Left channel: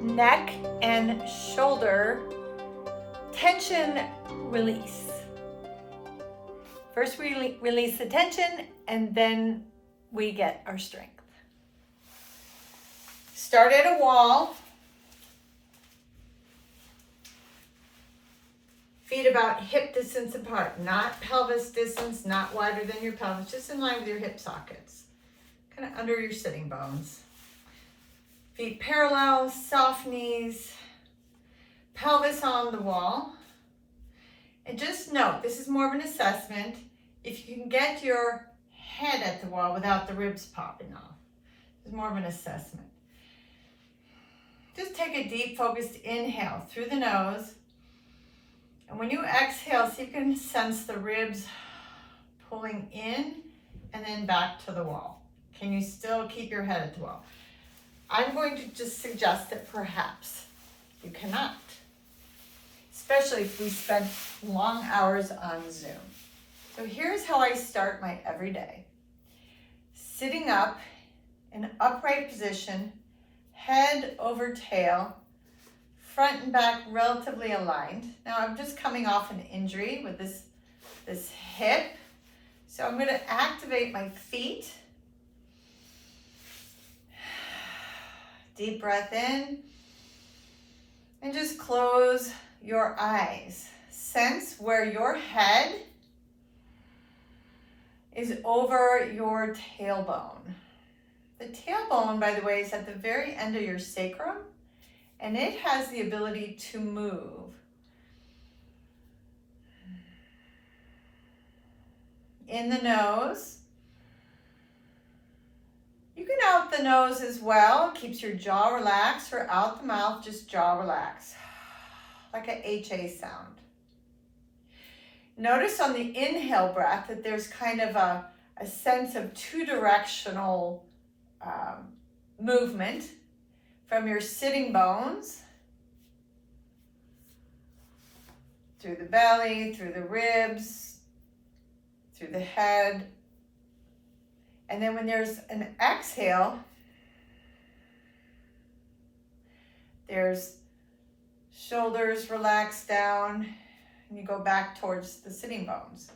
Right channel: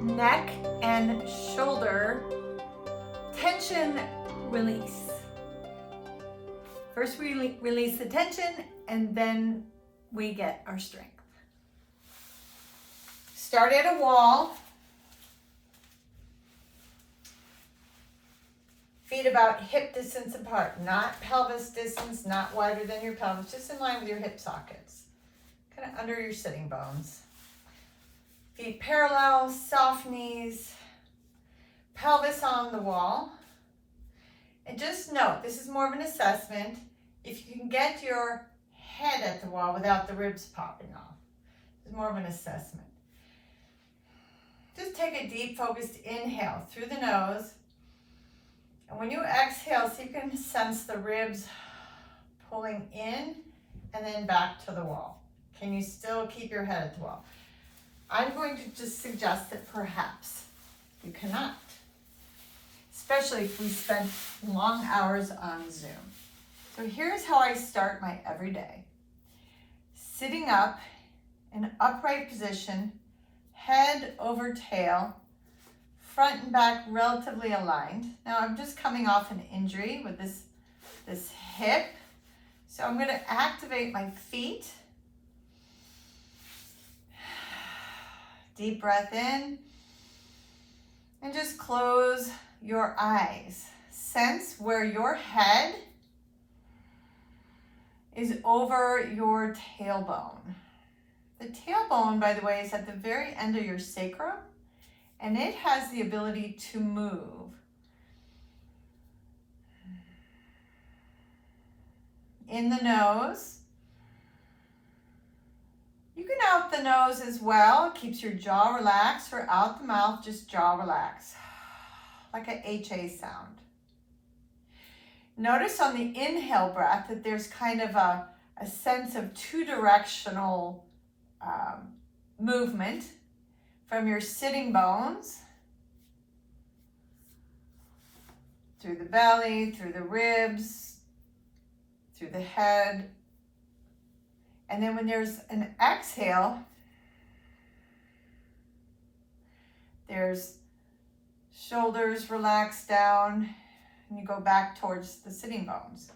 neck and shoulder tension release. First we release the tension and then we get our strength. Start at a wall. Feet about hip distance apart, not pelvis distance, not wider than your pelvis, just in line with your hip sockets. Kind of under your sitting bones. Feet parallel, soft knees, pelvis on the wall. And just note, this is more of an assessment, if you can get your head at the wall without the ribs popping off. It's more of an assessment. Just take a deep focused inhale through the nose. And when you exhale, see if you can sense the ribs pulling in and then back to the wall. Can you still keep your head at the wall? I'm going to just suggest that perhaps you cannot, especially if we spend long hours on Zoom. So here's how I start my everyday. Sitting up in upright position, head over tail, front and back relatively aligned. Now I'm just coming off an injury with this hip. So I'm going to activate my feet. Deep breath in. And just close your eyes. Sense where your head is over your tailbone. The tailbone, by the way, is at the very end of your sacrum. And it has the ability to move. In the nose. You can out the nose as well. Keeps your jaw relaxed, or out the mouth, just jaw relaxed. Like a HA sound. Notice on the inhale breath that there's kind of a sense of two-directional movement. From your sitting bones, through the belly, through the ribs, through the head. And then when there's an exhale, there's shoulders relaxed down, and you go back towards the sitting bones.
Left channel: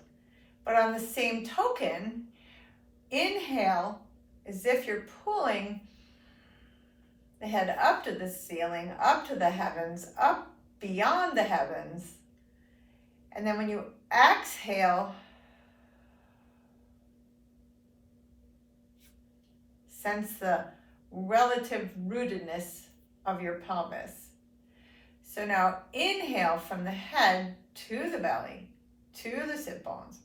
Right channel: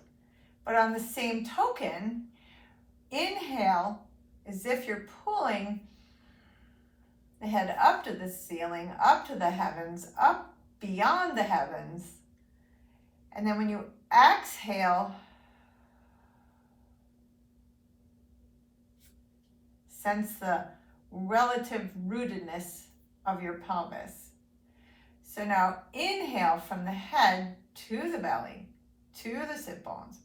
But on the same token, inhale as if you're pulling the head up to the ceiling, up to the heavens, up beyond the heavens. And then when you exhale, sense the relative rootedness of your pelvis. So now inhale from the head to the belly, to the sit bones.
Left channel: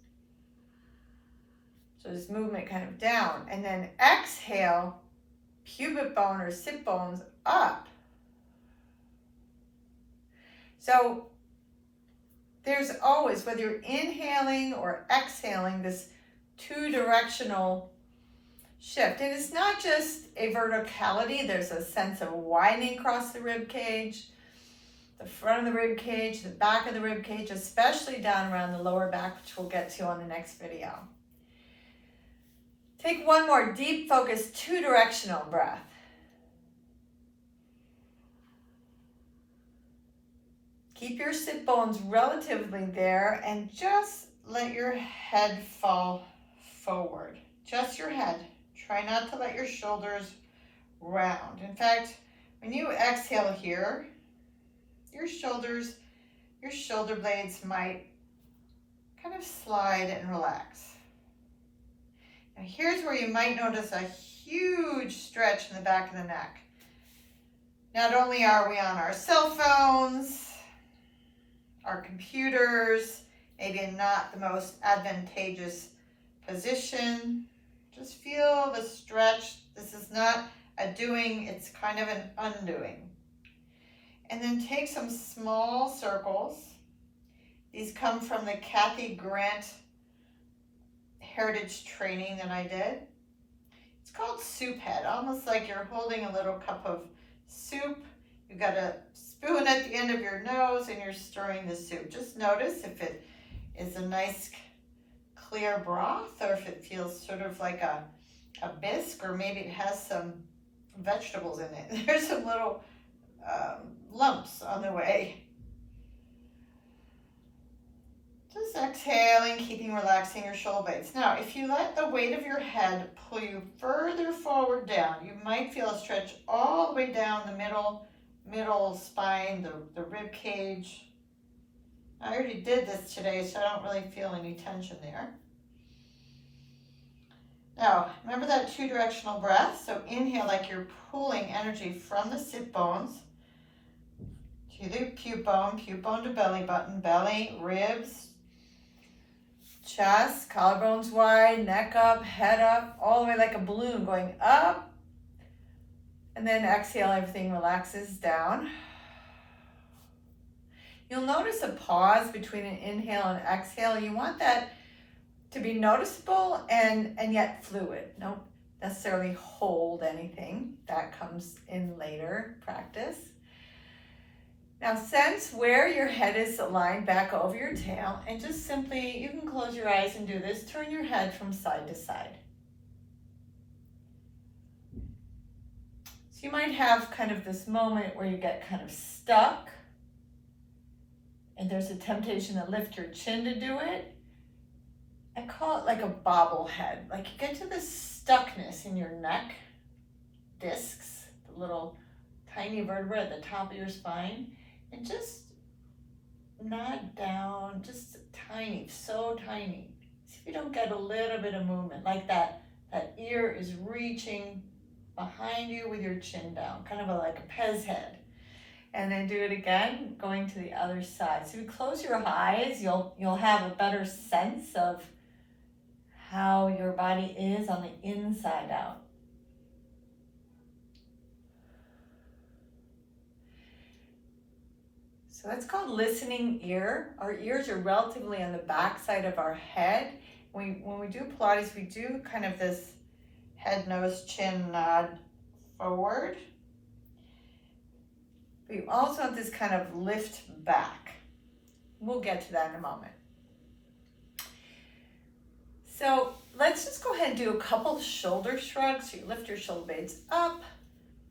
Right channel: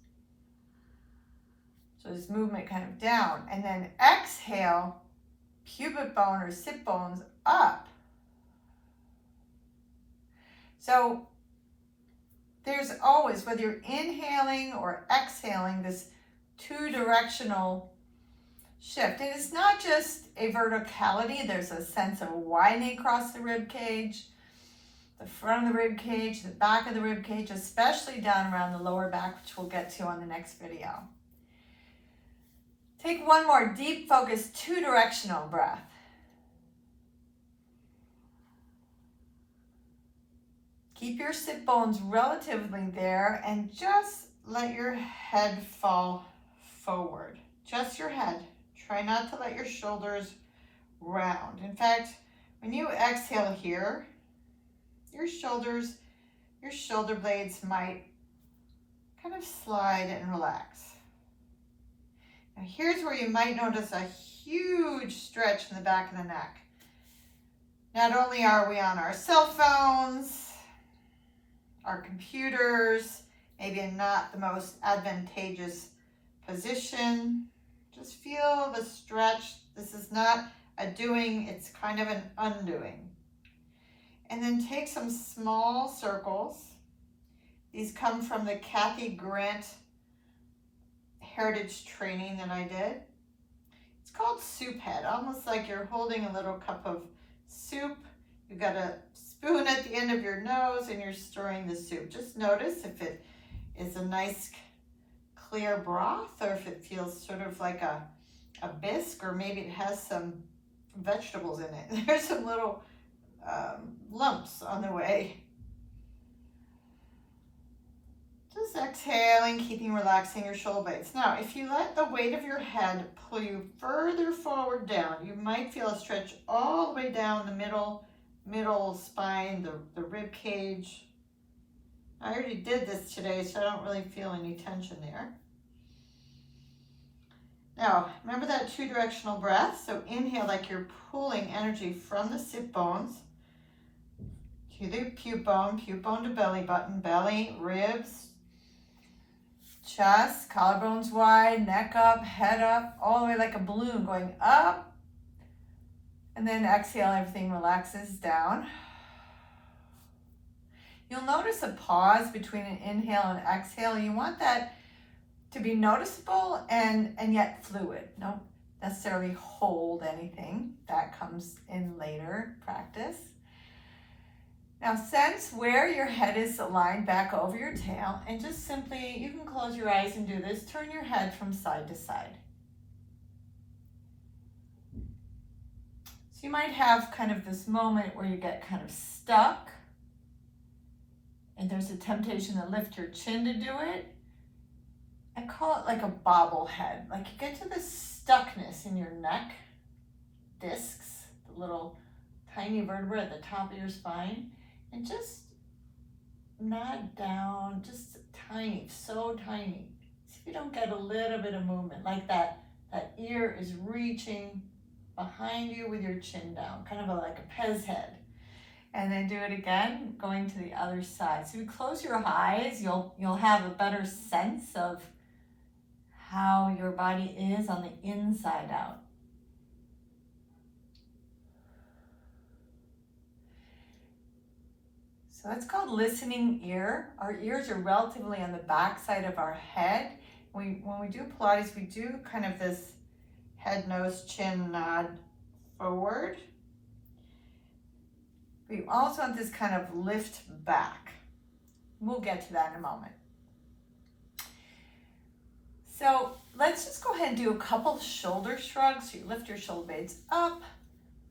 So this movement kind of down. And then exhale, pubic bone or sit bones up. So there's always, whether you're inhaling or exhaling, this two-directional shift. And it's not just a verticality, there's a sense of widening across the rib cage, the front of the rib cage, the back of the rib cage, especially down around the lower back, which we'll get to on the next video. Take one more deep, focused, two-directional breath. Keep your sit bones relatively there and just let your head fall forward. Just your head. Try not to let your shoulders round. In fact, when you exhale here, your shoulder blades might kind of slide and relax. Now here's where you might notice a huge stretch in the back of the neck. Not only are we on our cell phones, our computers, maybe in not the most advantageous position, just feel the stretch. This is not a doing, it's kind of an undoing. And then take some small circles. These come from the Kathy Grant heritage training that I did. It's called soup head, almost like you're holding a little cup of soup. You've got a spoon at the end of your nose and you're stirring the soup. Just notice if it is a nice clear broth or if it feels sort of like a bisque, or maybe it has some vegetables in it. There's some little lumps on the way. Just exhaling, keeping relaxing your shoulder blades. Now, if you let the weight of your head pull you further forward down, you might feel a stretch all the way down the middle spine, the rib cage. I already did this today, so I don't really feel any tension there. Now, remember that two-directional breath? So inhale like you're pulling energy from the sit bones to the puke bone to belly button, belly, ribs, chest, collarbones wide, neck up, head up, all the way like a balloon going up. And then exhale, everything relaxes down. You'll notice a pause between an inhale and exhale. You want that to be noticeable and yet fluid. Don't necessarily hold anything. That comes in later practice. Now sense where your head is aligned back over your tail, and just simply, you can close your eyes and do this, turn your head from side to side. So you might have kind of this moment where you get kind of stuck, and there's a temptation to lift your chin to do it. I call it like a bobblehead. Like you get to this stuckness in your neck discs, the little tiny vertebrae at the top of your spine, and just nod down, just tiny, so tiny. See if you don't get a little bit of movement, like that ear is reaching behind you with your chin down, kind of like a Pez head. And then do it again, going to the other side. So if you close your eyes, you'll have a better sense of how your body is on the inside out. So that's called listening ear. Our ears are relatively on the back side of our head. When we do Pilates, we do kind of this head, nose, chin nod forward. We also want this kind of lift back. We'll get to that in a moment. So let's just go ahead and do a couple shoulder shrugs. So you lift your shoulder blades up,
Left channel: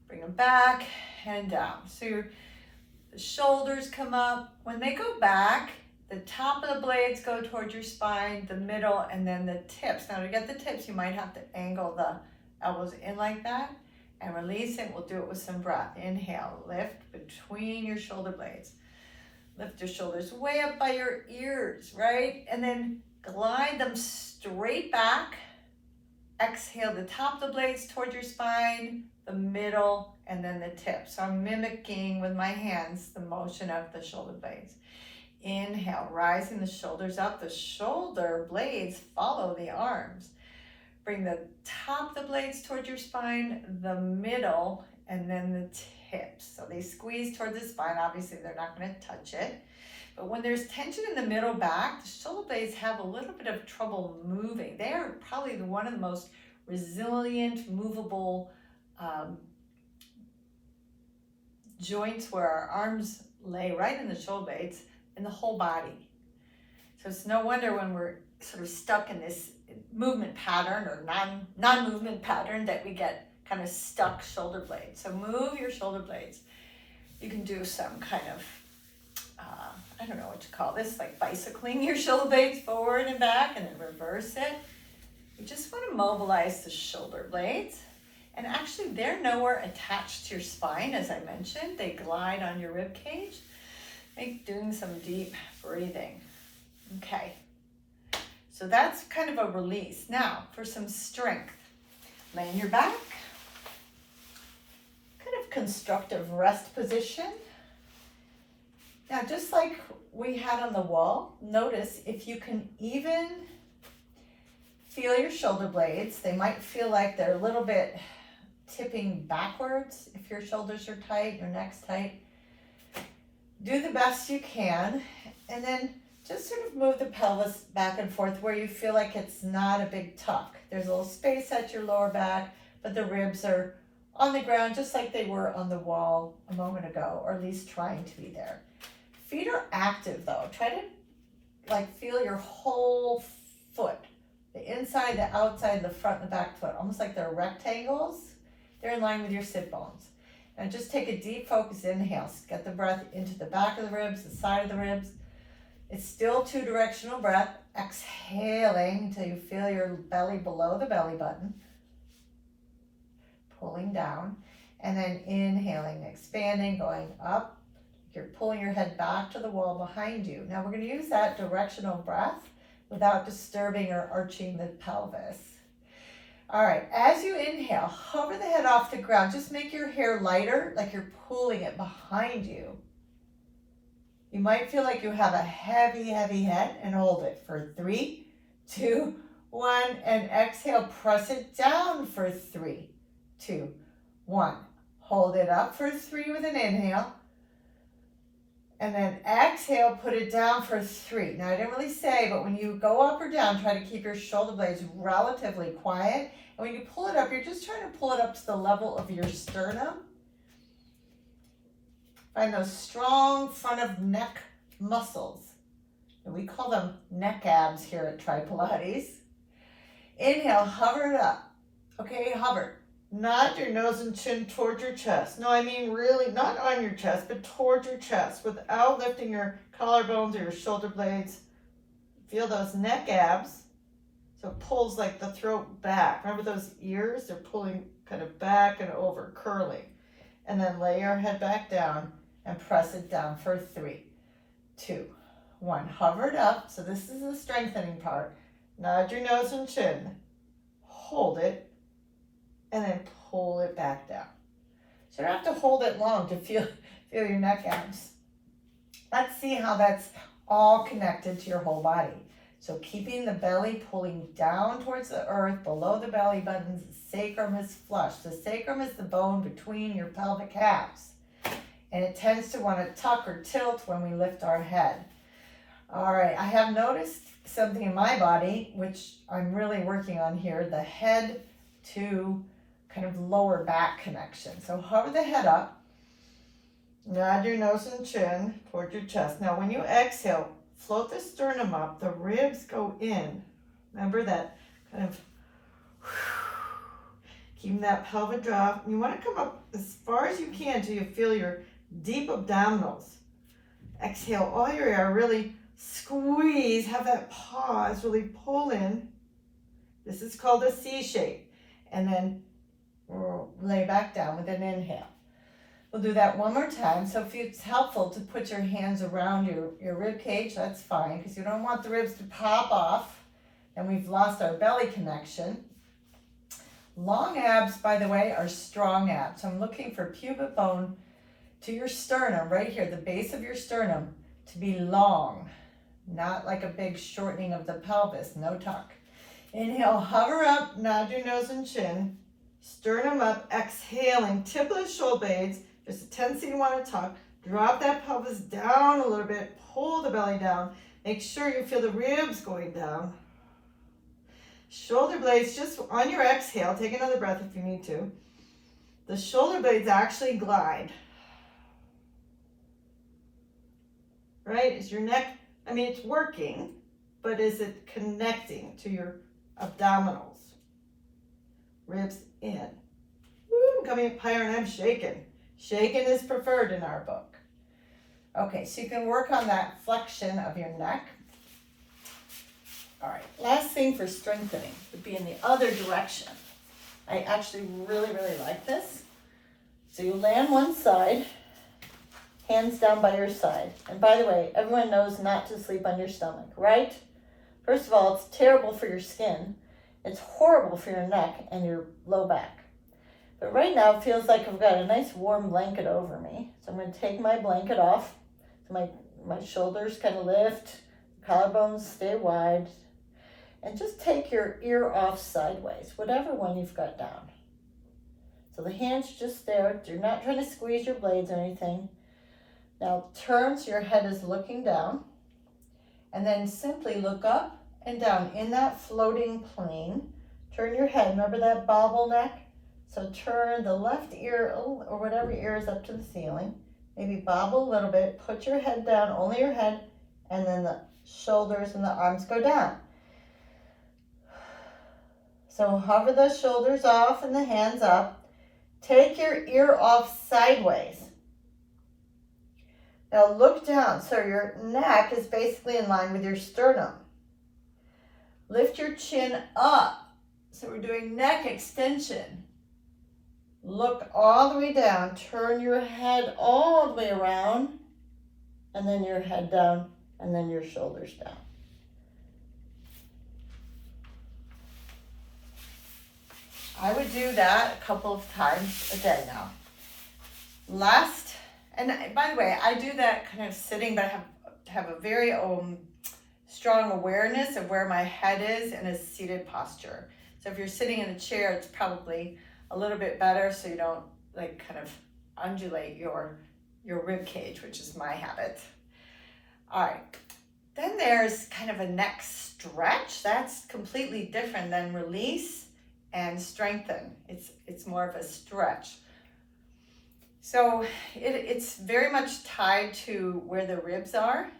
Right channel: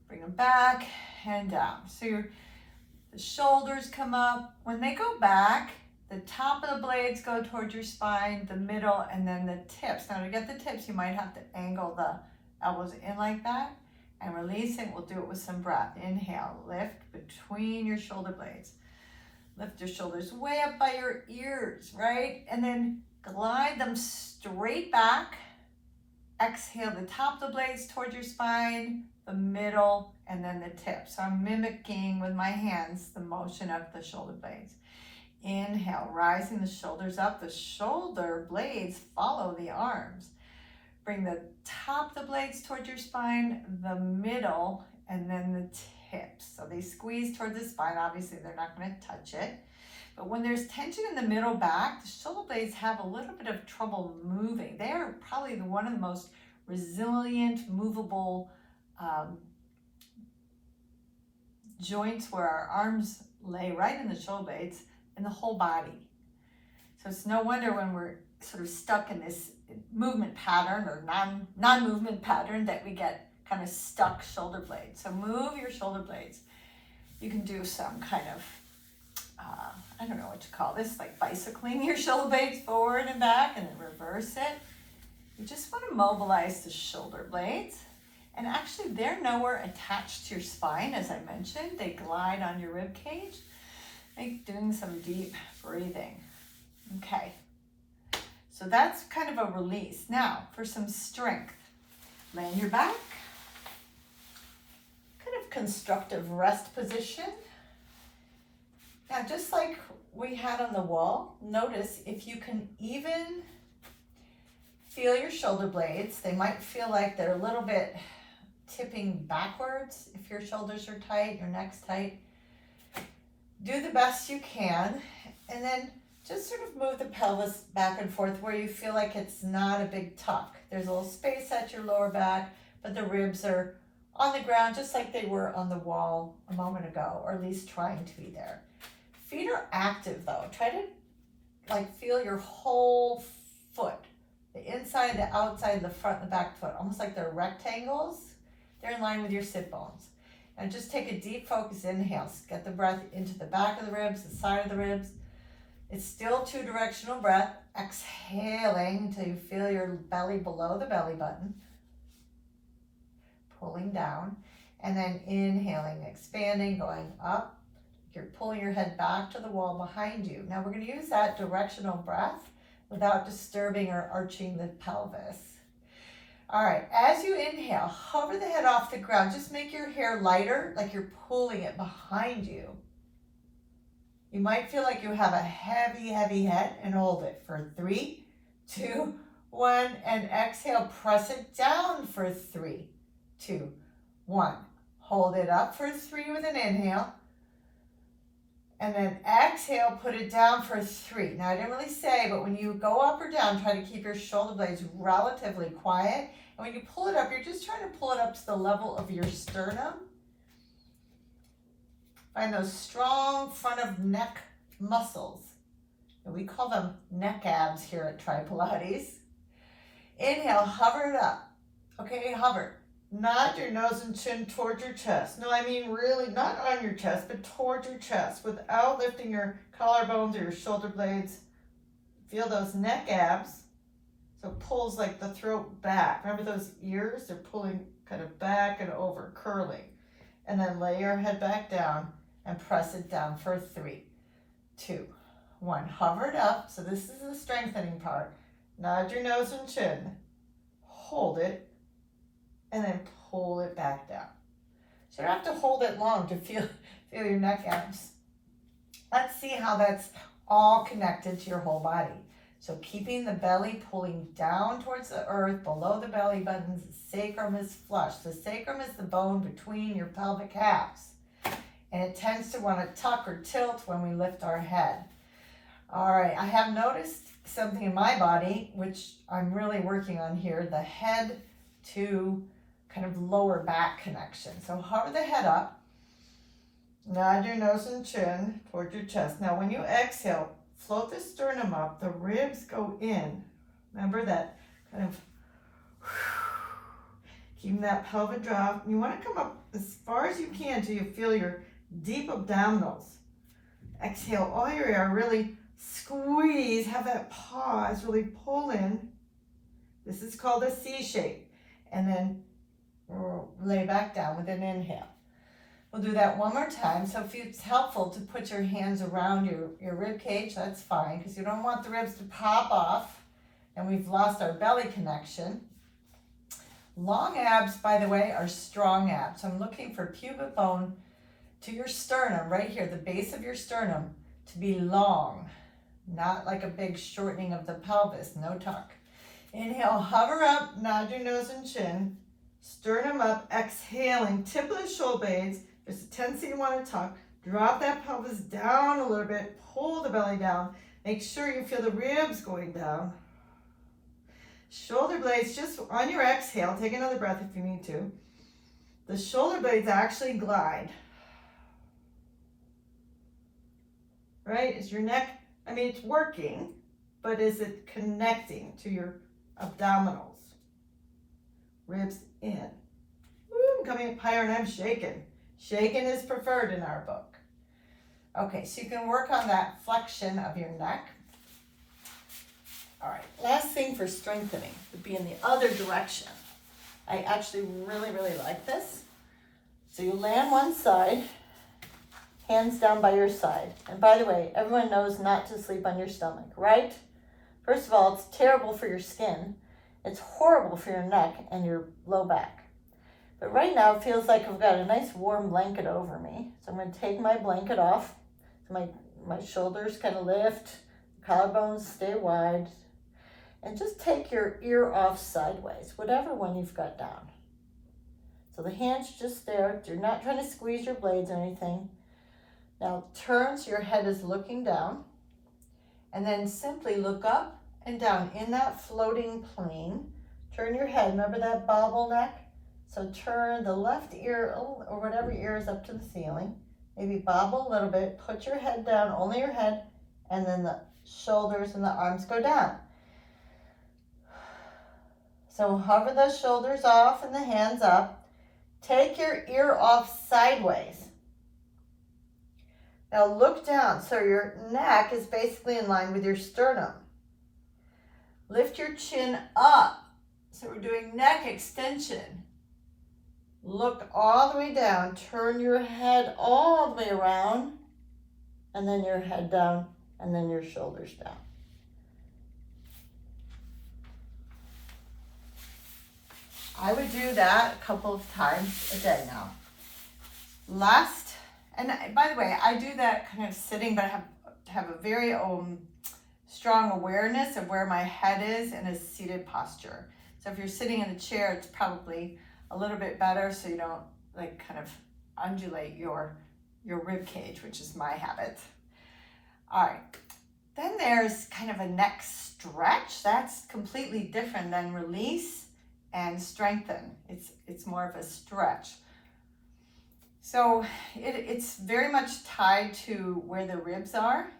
bring them back and down. So the shoulders come up. When they go back, the top of the blades go towards your spine, the middle, and then the tips. Now to get the tips, you might have to angle the elbows in like that and release it. We'll do it with some breath. Inhale, lift between your shoulder blades. Lift your shoulders way up by your ears, right? And then glide them straight back. Exhale the top of the blades towards your spine, the middle, and then the tip. So I'm mimicking with my hands the motion of the shoulder blades. Inhale, rising the shoulders up. The shoulder blades follow the arms. Bring the top of the blades towards your spine, the middle, and then the tips. So they squeeze towards the spine. Obviously, they're not going to touch it. But when there's tension in the middle back, the shoulder blades have a little bit of trouble moving. They're probably one of the most resilient, movable joints where our arms lay right in the shoulder blades in the whole body. So it's no wonder when we're sort of stuck in this movement pattern or non-movement pattern that we get kind of stuck shoulder blades. So move your shoulder blades. You can do some kind of, I don't know what to call this, like bicycling your shoulder blades forward and back and then reverse it. You just want to mobilize the shoulder blades. And actually they're nowhere attached to your spine, as I mentioned. They glide on your rib cage. Doing some deep breathing. Okay. So that's kind of a release. Now, for some strength, lay on your back, kind of constructive rest position. Now, just like we had on the wall, notice if you can even feel your shoulder blades. They might feel like they're a little bit tipping backwards if your shoulders are tight, your neck's tight. Do the best you can, and then just sort of move the pelvis back and forth where you feel like it's not a big tuck. There's a little space at your lower back, but the ribs are on the ground just like they were on the wall a moment ago, or at least trying to be there. Feet are active though. Try to feel your whole foot, the inside, the outside, the front, and the back foot, almost like they're rectangles. They're in line with your sit bones. And just take a deep focus inhale. Get the breath into the back of the ribs, the side of the ribs. It's still 2-directional breath. Exhaling until you feel your belly below the belly button. Pulling down. And then inhaling, expanding, going up. You're pulling your head back to the wall behind you. Now we're going to use that directional breath without disturbing or arching the pelvis. All right, as you inhale, hover the head off the ground. Just make your hair lighter, like you're pulling it behind you. You might feel like you have a heavy, heavy head, and hold it for 3, 2, 1, and exhale. Press it down for 3, 2, 1. Hold it up for 3 with an inhale. And then exhale, put it down for 3. Now, I didn't really say, but when you go up or down, try to keep your shoulder blades relatively quiet. And when you pull it up, you're just trying to pull it up to the level of your sternum. Find those strong front of neck muscles. And we call them neck abs here at Tri Pilates. Inhale, hover it up. Okay, hover. Nod your nose and chin towards your chest. No, I mean really not on your chest, but towards your chest without lifting your collarbones or your shoulder blades. Feel those neck abs. So it pulls like the throat back. Remember those ears? They're pulling kind of back and over, curling. And then lay your head back down and press it down for 3, 2, 1. Hover it up. So this is the strengthening part. Nod your nose and chin. Hold it. And then pull it back down. So you don't have to hold it long to feel your neck abs. Let's see how that's all connected to your whole body. So keeping the belly pulling down towards the earth, below the belly buttons, the sacrum is flush. The sacrum is the bone between your pelvic halves. And it tends to want to tuck or tilt when we lift our head. All right, I have noticed something in my body, which I'm really working on here, the head to kind of lower back connection. So hover the head up, nod your nose and chin towards your chest. Now when you exhale, float the sternum up, the ribs go in. Remember that kind of, keeping that pelvic drop. You want to come up as far as you can till you feel your deep abdominals. Exhale all your air, really squeeze, have that pause, really pull in. This is called a C shape. And then lay back down with an inhale. We'll do that one more time. So if it's helpful to put your hands around your rib cage, that's fine, because you don't want the ribs to pop off and we've lost our belly connection. Long abs, by the way, are strong abs. So I'm looking for pubic bone to your sternum, right here, the base of your sternum, to be long, not like a big shortening of the pelvis, no tuck. Inhale, hover up, nod your nose and chin. Sternum up, exhaling, tip of the shoulder blades. There's a tendency to want to tuck. Drop that pelvis down a little bit, pull the belly down. Make sure you feel the ribs going down. Shoulder blades, just on your exhale, take another breath if you need to. The shoulder blades actually glide. Right? Is your neck, I mean, it's working, but is it connecting to your abdominals? Ribs in. Woo, I'm coming up higher and I'm shaking. Shaking is preferred in our book. Okay, so you can work on that flexion of your neck. All right, last thing for strengthening would be in the other direction. I actually really, really like this. So you lay on one side, hands down by your side. And by the way, everyone knows not to sleep on your stomach, right? First of all, it's terrible for your skin. It's horrible for your neck and your low back. But right now, it feels like I've got a nice warm blanket over me. So I'm going to take my blanket off. So my shoulders kind of lift, collarbones stay wide. And just take your ear off sideways, whatever one you've got down. So the hand's just there. You're not trying to squeeze your blades or anything. Now turn so your head is looking down. And then simply look up and down in that floating plane. Turn your head. Remember that bobble neck? So turn the left ear or whatever ear is up to the ceiling. Maybe bobble a little bit. Put your head down, only your head, and then the shoulders and the arms go down. So hover the shoulders off and the hands up. Take your ear off sideways. Now look down, so your neck is basically in line with your sternum. Lift your chin up, so we're doing neck extension. Look all the way down, turn your head all the way around, and then your head down, and then your shoulders down. I would do that a couple of times a day now. And by the way, I do that kind of sitting, but I have a very strong awareness of where my head is in a seated posture. So if you're sitting in a chair, it's probably a little bit better so you don't like kind of undulate your rib cage, which is my habit. All right, then there's kind of a neck stretch. That's completely different than release and strengthen. It's more of a stretch. So it's very much tied to where the ribs are.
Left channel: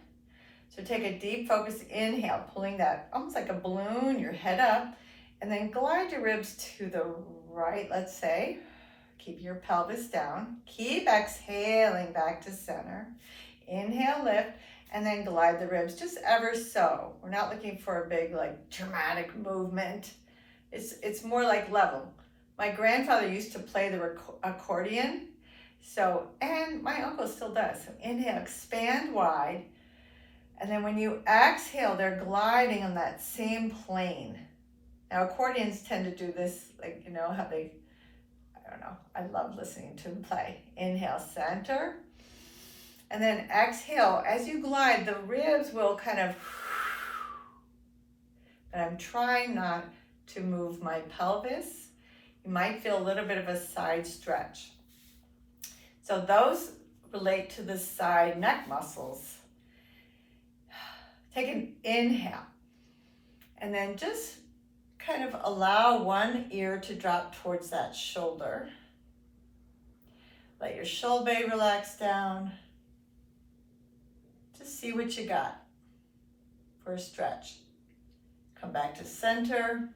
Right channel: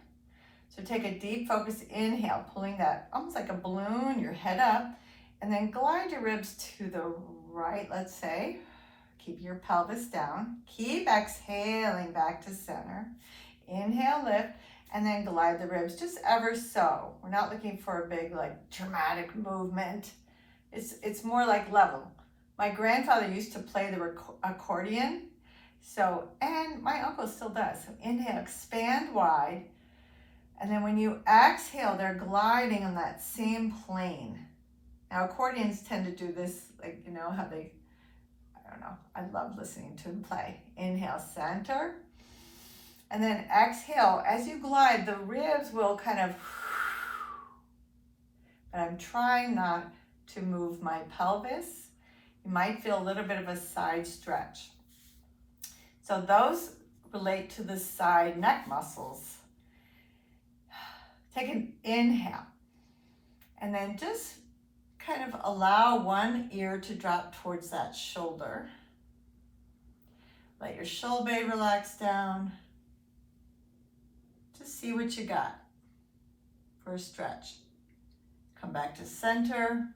So take a deep focus inhale, pulling that almost like a balloon, your head up, and then glide your ribs to the right, let's say. Keep your pelvis down. Keep exhaling back to center. Inhale, lift, and then glide the ribs just ever so. We're not looking for a big like dramatic movement. It's more like level. My grandfather used to play the accordion. So, and my uncle still does. So inhale, expand wide. And then when you exhale, they're gliding on that same plane. Now, accordions tend to do this, like, you know, how they, I don't know, I love listening to them play. Inhale, center. And then exhale, as you glide, the ribs will kind of, but I'm trying not to move my pelvis. You might feel a little bit of a side stretch. So those relate to the side neck muscles. Take an inhale and then just kind of allow one ear to drop towards that shoulder. Let your shoulder blade relax down. Just see what you got for a stretch. Come back to center.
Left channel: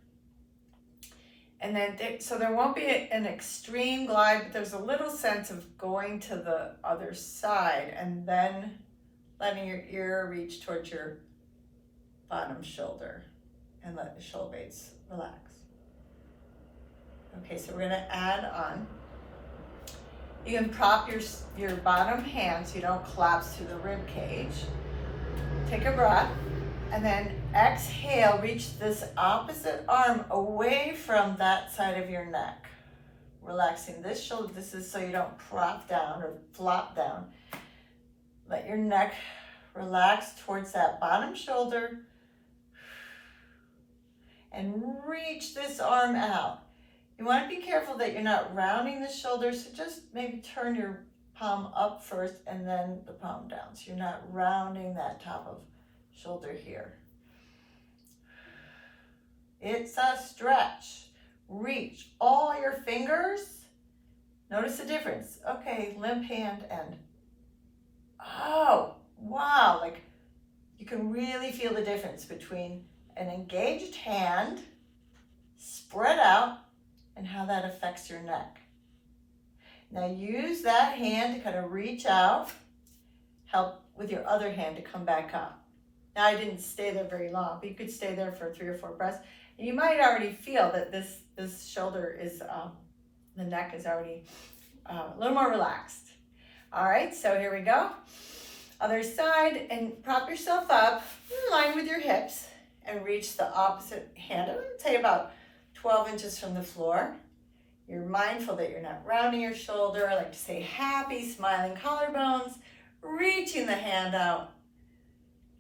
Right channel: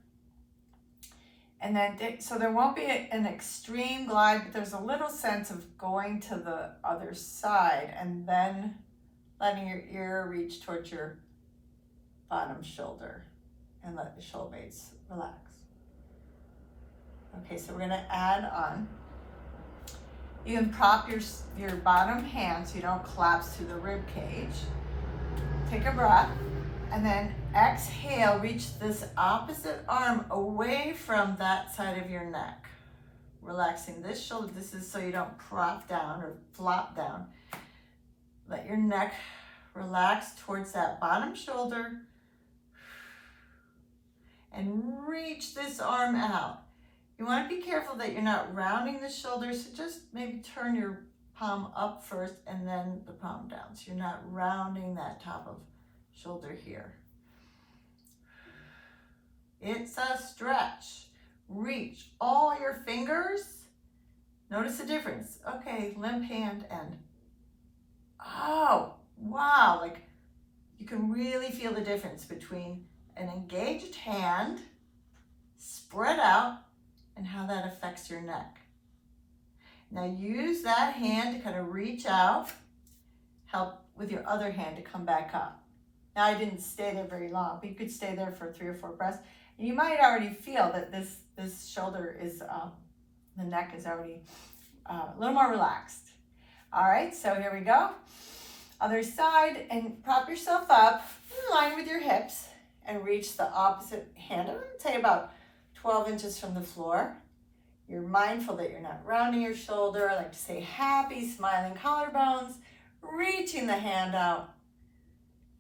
And then, so there won't be an extreme glide, but there's a little sense of going to the other side and then letting your ear reach towards your bottom shoulder and let the shoulder blades relax. Okay, so we're gonna add on. You can prop your bottom hand so you don't collapse through the rib cage. Take a breath. And then exhale, reach this opposite arm away from that side of your neck. Relaxing this shoulder. This is so you don't prop down or flop down. Let your neck relax towards that bottom shoulder. And reach this arm out. You want to be careful that you're not rounding the shoulders, so just maybe turn your palm up first and then the palm down. So you're not rounding that top of shoulder here. It's a stretch. Reach all your fingers. Notice the difference. Okay, limp hand and oh, wow. Like you can really feel the difference between an engaged hand, spread out, and how that affects your neck. Now use that hand to kind of reach out, help with your other hand to come back up. Now I didn't stay there very long, but you could stay there for 3 or 4 breaths. And you might already feel that this shoulder is, the neck is already a little more relaxed. All right, so here we go. Other side, and prop yourself up in line with your hips and reach the opposite hand. I would say about 12 inches from the floor. You're mindful that you're not rounding your shoulder. I like to say happy, smiling collarbones, reaching the hand out.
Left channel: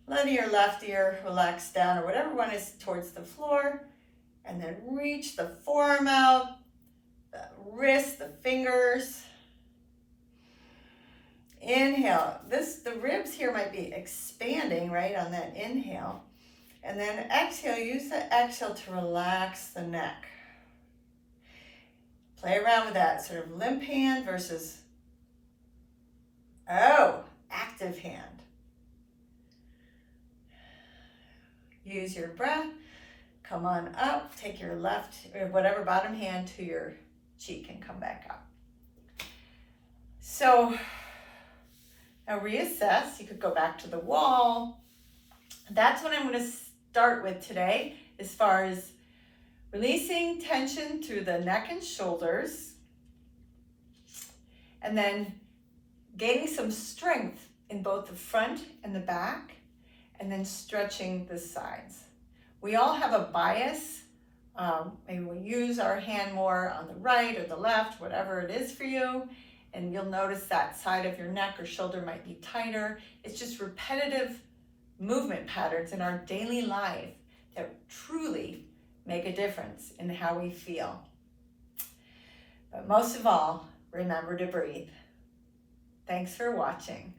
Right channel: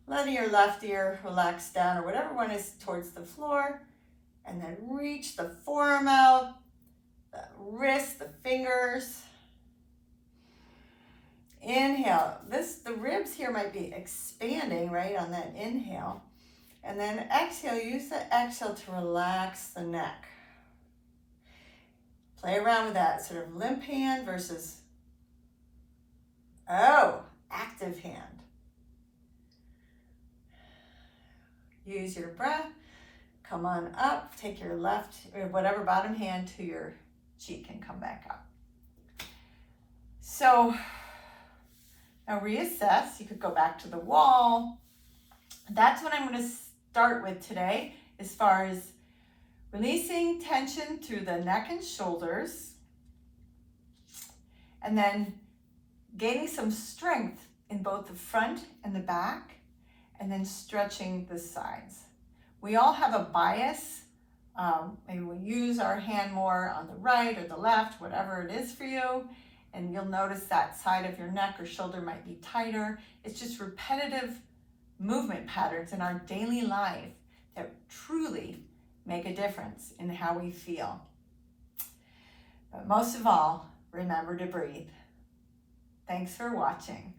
Letting your left ear relax down or whatever one is towards the floor. And then reach the forearm out, the wrist, the fingers. Inhale. The ribs here might be expanding, right, on that inhale. And then exhale. Use the exhale to relax the neck. Play around with that sort of limp hand versus, active hand. Use your breath, come on up, take your left or whatever bottom hand to your cheek and come back up. So now reassess. You could go back to the wall. That's what I'm going to start with today as far as releasing tension through the neck and shoulders, and then gaining some strength in both the front and the back, and then stretching the sides. We all have a bias. Maybe we use our hand more on the right or the left, whatever it is for you, and you'll notice that side of your neck or shoulder might be tighter. It's just repetitive movement patterns in our daily life that truly make a difference in how we feel. But most of all, remember to breathe. Thanks for watching.